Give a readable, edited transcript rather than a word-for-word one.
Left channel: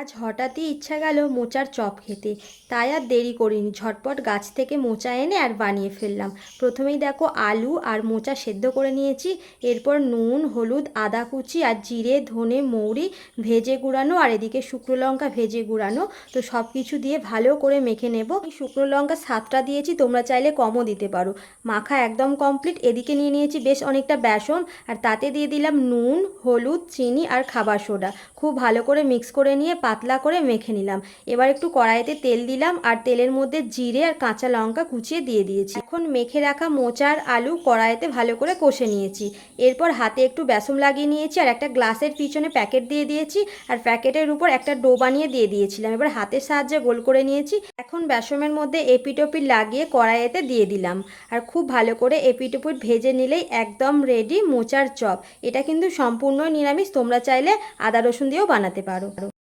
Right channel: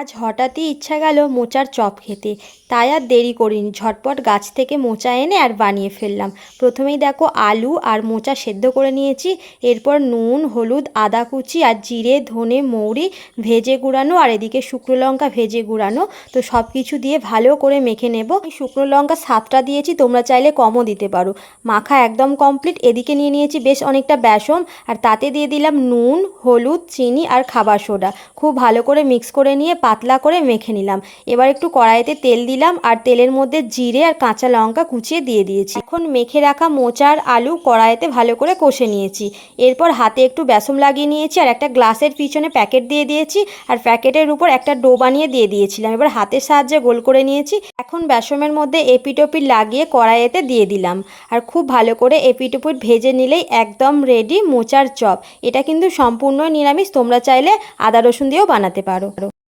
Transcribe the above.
আজ হঠাৎই ইচ্ছা গেল মোচার চপ খেতে। তাই আর দেরি করিনি, ঝটপট গাছ থেকে মোচা এনে আর বানিয়ে ফেললাম। প্রথমেই দেখো আলু আর মোচা সেদ্ধ করে নিয়েছি। এরপর নুন, হলুদ, আদা কুচি আর জিরে, ধনে, মৌরি ভেজে গুঁড়ানো আর এদিকে শুকনো লঙ্কা ভেজে গুঁড়ানো। তো সব কিছু দিয়ে ভালো করে মেখে নেব। শুকনো লঙ্কা 7টা দিয়েছি, তোমরা চাইলে কমও দিতে পারো। মাখা একদম কমপ্লিট। এদিকে নিয়ে নিয়েছি বেশ অনেকটা বেসন, আর তাতে দিয়ে দিলাম নুন, হলুদ, চিনি আর খাবার সোডা। খুব ভালো করে মিক্স করে নিয়ে পাতলা করে মেখে নিলাম। এবার একটু কড়াইতে তেল দিলাম আর তেলের মধ্যে জিরে আর কাঁচা লঙ্কা কুচিয়ে দিয়ে দিয়েছি। এখন মেখে রাখা মোচা আর আলু কড়াইতে ভালো করে কষে নিয়েছি। এরপর হাতে একটু বেসন লাগিয়ে নিয়েছি আর একটা গ্লাসের পিছনে প্যাকেট দিয়ে দিয়েছি, আর প্যাকেটের উপর একটা ডো বানিয়ে দিয়ে দিয়েছিলাম। এবার হাতের সাহায্যে গোল করে নিয়েছি। এখন বেসনের মধ্যে এপিটোপিট লাগিয়ে কড়াইতে দিয়ে দিলাম, আর খুব ভালো করে এপিটোপিট ভেজে নিলেই একদম রেডি মোচার চপ। এটা কিন্তু সম্পূর্ণ নিরামিষ, তোমরা চাইলে আদা রসুন দিয়েও বানাতে পারো।